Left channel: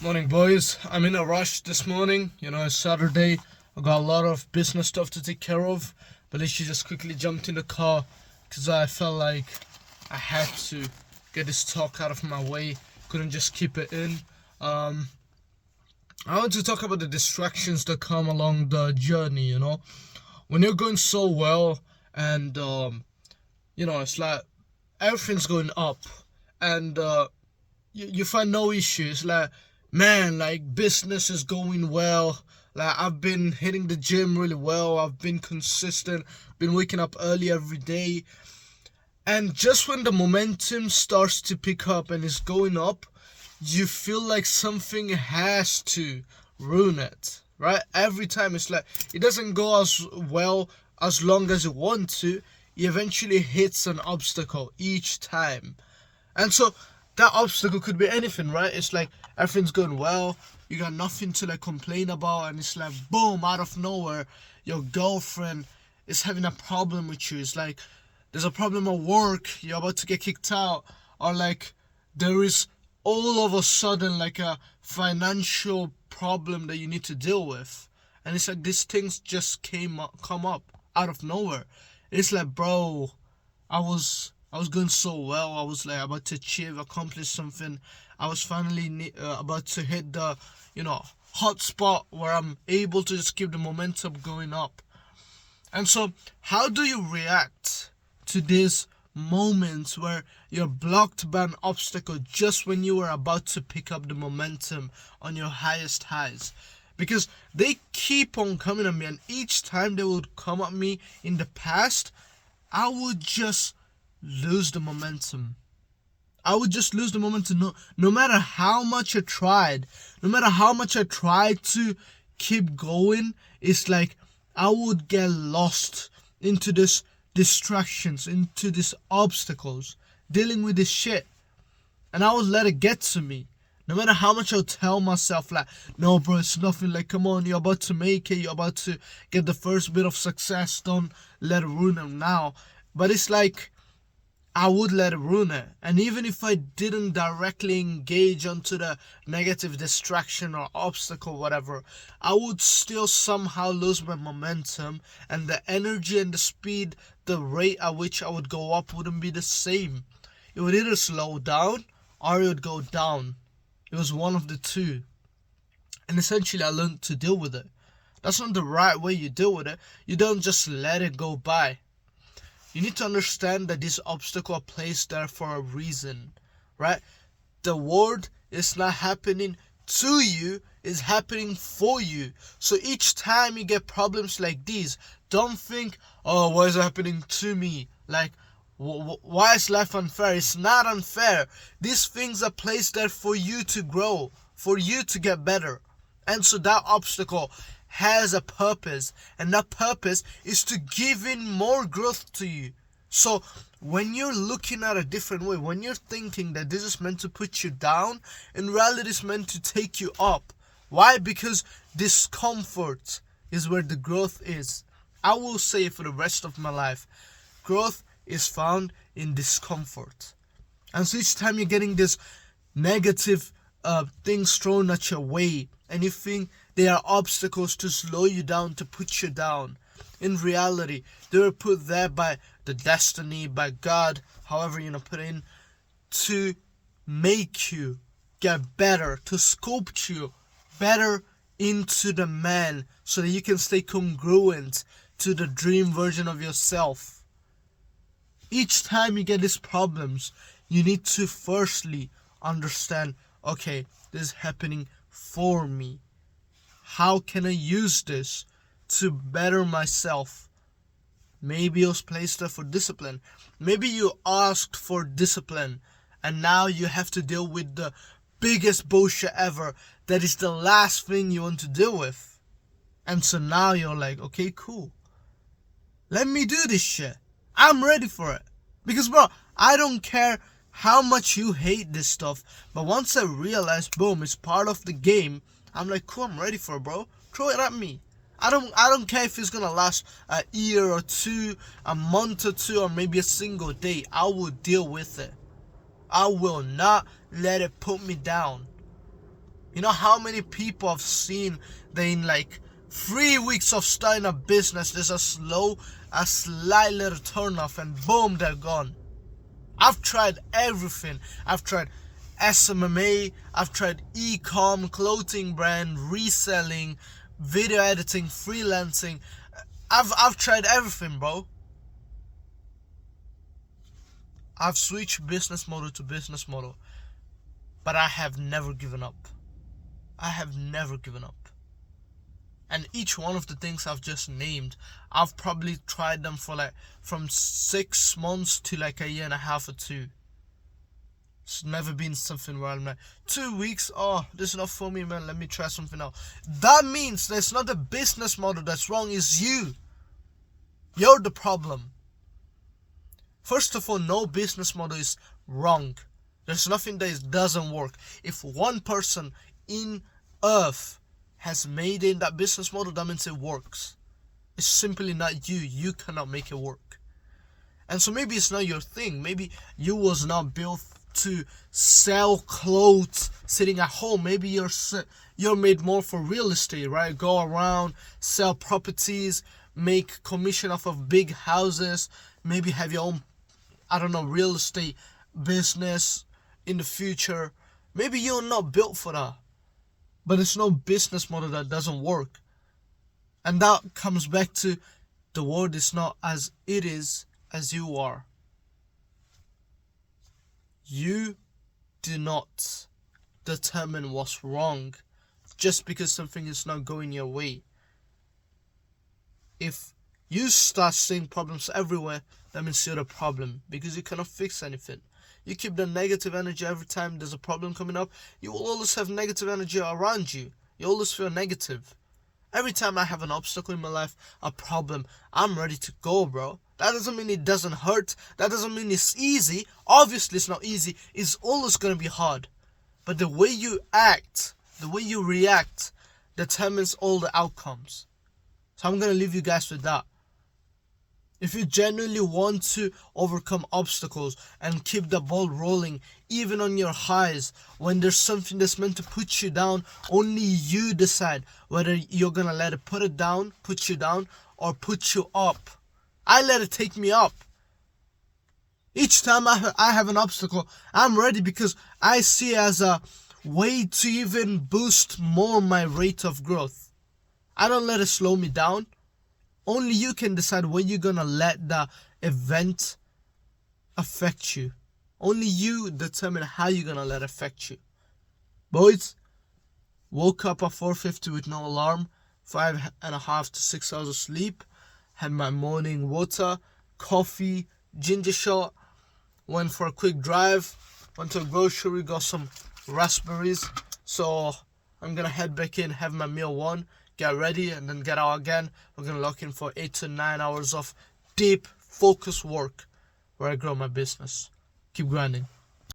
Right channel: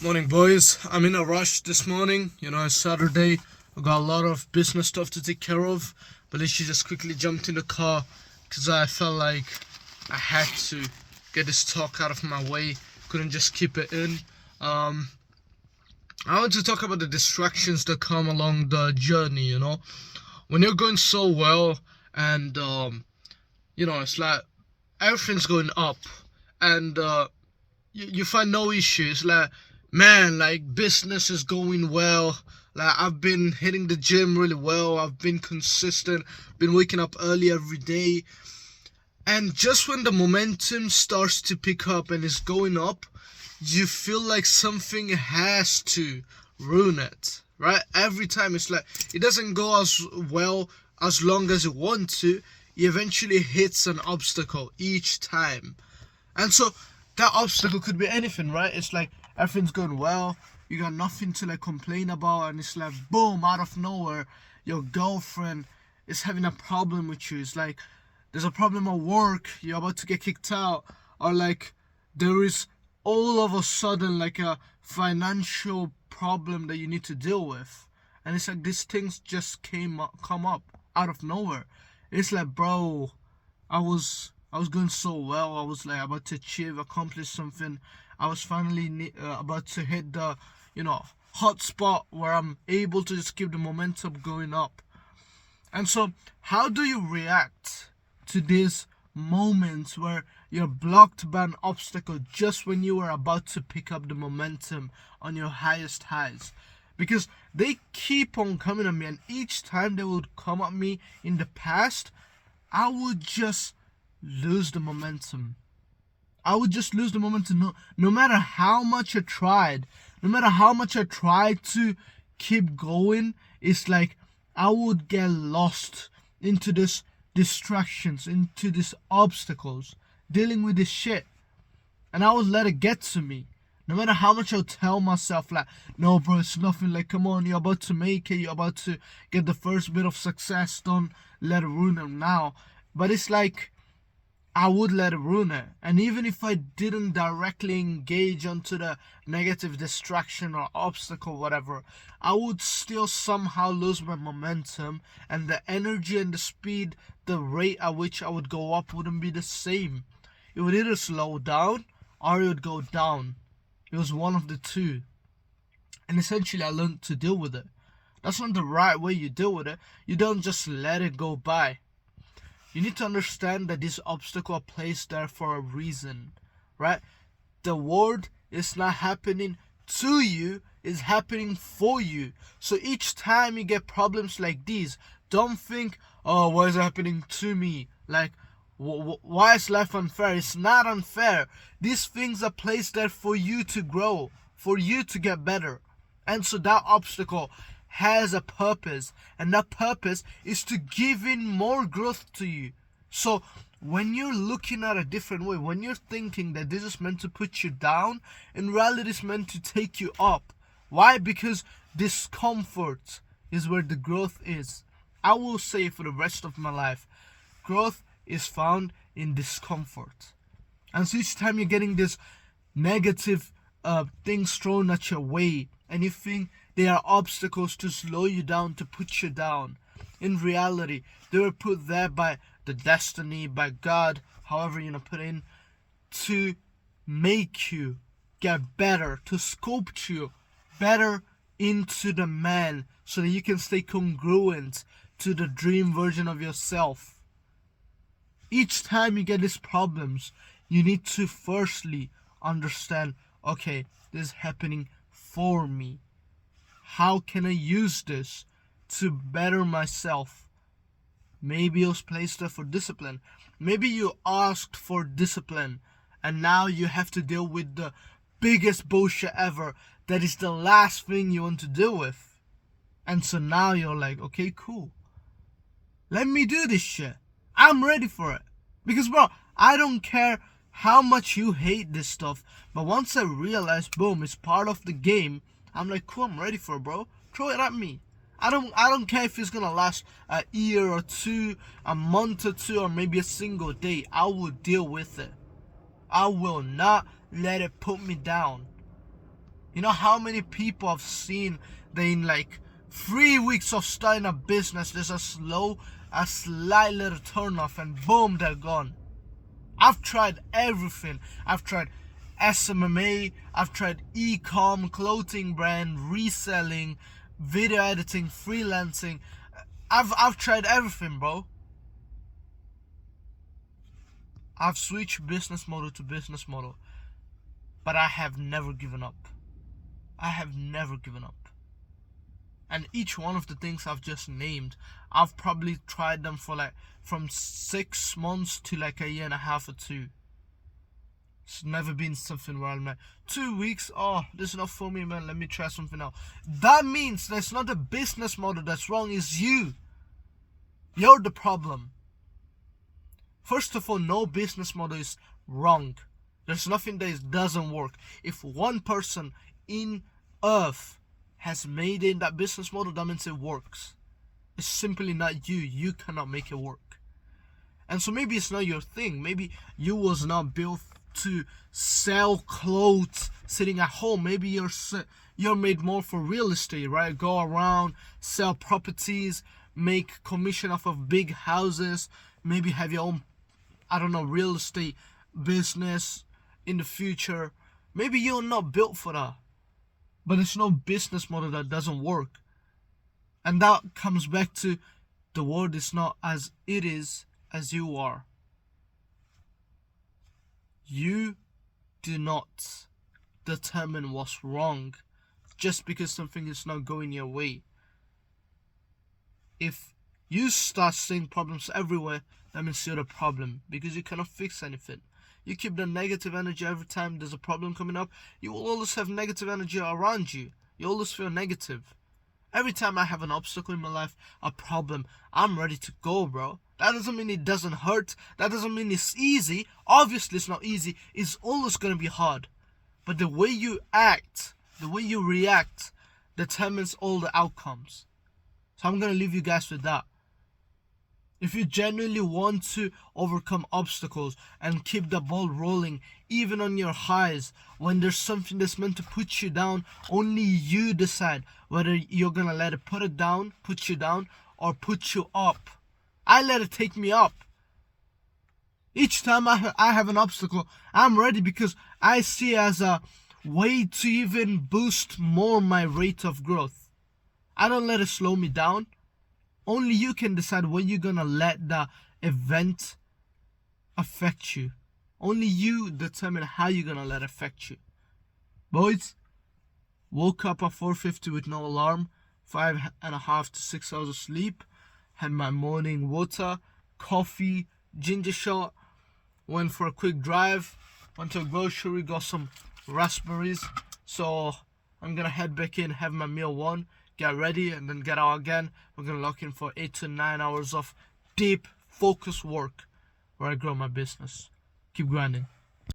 Morning, boys. I'm in a rush this morning. It's Saturday. I got a lot of business stuff to take care of, but literally just quickly jumped in the car because I felt like I had to get this talk out of my way. Couldn't just keep it in. I want to talk about the distractions that come along the journey. When you're going so well, and it's like everything's going up, and you find no issues. Like, man, like business is going well. Like, I've been hitting the gym really well. I've been consistent, been waking up early every day. And just when the momentum starts to pick up and is going up, you feel like something has to ruin it, right? Every time it's like it doesn't go as well as long as you want to. It eventually hits an obstacle each time. And so that obstacle could be anything, right? It's like everything's going well, you got nothing to like complain about, and it's like boom, out of nowhere, your girlfriend is having a problem with you. It's like there's a problem at work, you're about to get kicked out, or like there is all of a sudden like a financial problem that you need to deal with. And it's like these things just come up out of nowhere. It's like, bro, I was going so well. I was like about to accomplish something. I was finally about to hit the, hot spot where I'm able to just keep the momentum going up. And so, how do you react to these moments where you're blocked by an obstacle just when you were about to pick up the momentum on your highest highs? Because they keep on coming at me, and each time they would come at me in the past, I would just lose the momentum. I would just lose the momentum. No matter how much I tried, no matter how much I tried to keep going, it's like I would get lost into this distractions, into these obstacles, dealing with this shit. And I would let it get to me. No matter how much I'll tell myself, like, no, bro, it's nothing. Like, come on, you're about to make it. You're about to get the first bit of success. Don't let it ruin them now. But it's like, I would let it ruin it. And even if I didn't directly engage onto the negative distraction or obstacle, whatever, I would still somehow lose my momentum, and the energy and the speed, the rate at which I would go up wouldn't be the same. It would either slow down or it would go down. It was one of the two. And essentially I learned to deal with it. That's not the right way you deal with it. You don't just let it go by. You need to understand that these obstacles are placed there for a reason, right? The world is not happening to you, it's happening for you. So each time you get problems like these, don't think, oh, why is it happening to me? Like, why is life unfair? It's not unfair. These things are placed there for you to grow, for you to get better. And so that obstacle has a purpose, and that purpose is to give in more growth to you. So when you're looking at a different way, when you're thinking that this is meant to put you down, in reality it's meant to take you up. Why? Because discomfort is where the growth is. I will say for the rest of my life, growth is found in discomfort. And so each time you're getting this negative things thrown at your way, and you think they are obstacles to slow you down, to put you down, in reality they were put there by the destiny, by God, however put in, to make you get better, to sculpt you better into the man, so that you can stay congruent to the dream version of yourself. Each time you get these problems, you need to firstly understand, okay, this is happening for me. How can I use this to better myself? Maybe it was placed there for discipline. Maybe you asked for discipline, and now you have to deal with the biggest bullshit ever that is the last thing you want to deal with. And so now you're like, okay, cool. Let me do this shit. I'm ready for it. Because, bro, I don't care how much you hate this stuff, but once I realize, boom, it's part of the game, I'm like, cool, I'm ready for it, bro. Throw it at me. I don't care if it's gonna last a year or two, a month or two, or maybe a single day. I will deal with it. I will not let it put me down. You know how many people I've seen that in like 3 weeks of starting a business, there's a slight little turn off and boom, they're gone. I've tried everything. I've tried SMMA, I've tried e-com, clothing brand, reselling, video editing, freelancing. I've tried everything, bro. I've switched business model to business model, but I have never given up. I have never given up. And each one of the things I've just named, I've probably tried them for like from 6 months to like a year and a half or 2. It's never been something where I'm like, 2 weeks, oh, this is not for me, man, let me try something else. That means that's not the business model that's wrong, it's you. You're the problem. First of all, no business model is wrong. There's nothing that doesn't work. If one person in Earth has made in that business model, that means it works. It's simply not you. You cannot make it work. And so maybe it's not your thing. Maybe you was not built to sell clothes sitting at home. Maybe you're made more for real estate, right? Go around, sell properties, make commission off of big houses, maybe have your own, I don't know, real estate business in the future. Maybe you're not built for that. But there's no business model that doesn't work. And that comes back to the world is not as it is as you are. You do not determine what's wrong just because something is not going your way. If you start seeing problems everywhere, that means you're the problem, because you cannot fix anything. You keep the negative energy every time there's a problem coming up, you will always have negative energy around you. You always feel negative. Every time I have an obstacle in my life, a problem, I'm ready to go, bro. That doesn't mean it doesn't hurt. That doesn't mean it's easy. Obviously it's not easy. It's always going to be hard. But the way you act, the way you react, determines all the outcomes. So I'm going to leave you guys with that. If you genuinely want to overcome obstacles and keep the ball rolling, even on your highs, when there's something that's meant to put you down, only you decide whether you're gonna let it put you down, or put you up. I let it take me up. Each time I have an obstacle, I'm ready because I see it as a way to even boost more my rate of growth. I don't let it slow me down. Only you can decide when you're gonna let the event affect you. Only you determine how you're gonna let it affect you. Boys, woke up at 4:50 with no alarm, 5.5 to 6 hours of sleep, had my morning water, coffee, ginger shot, went for a quick drive, went to a grocery, got some raspberries. So I'm gonna head back in, have my meal one, get ready, and then get out again. We're gonna lock in for 8 to 9 hours of deep, focused work where I grow my business. Keep grinding.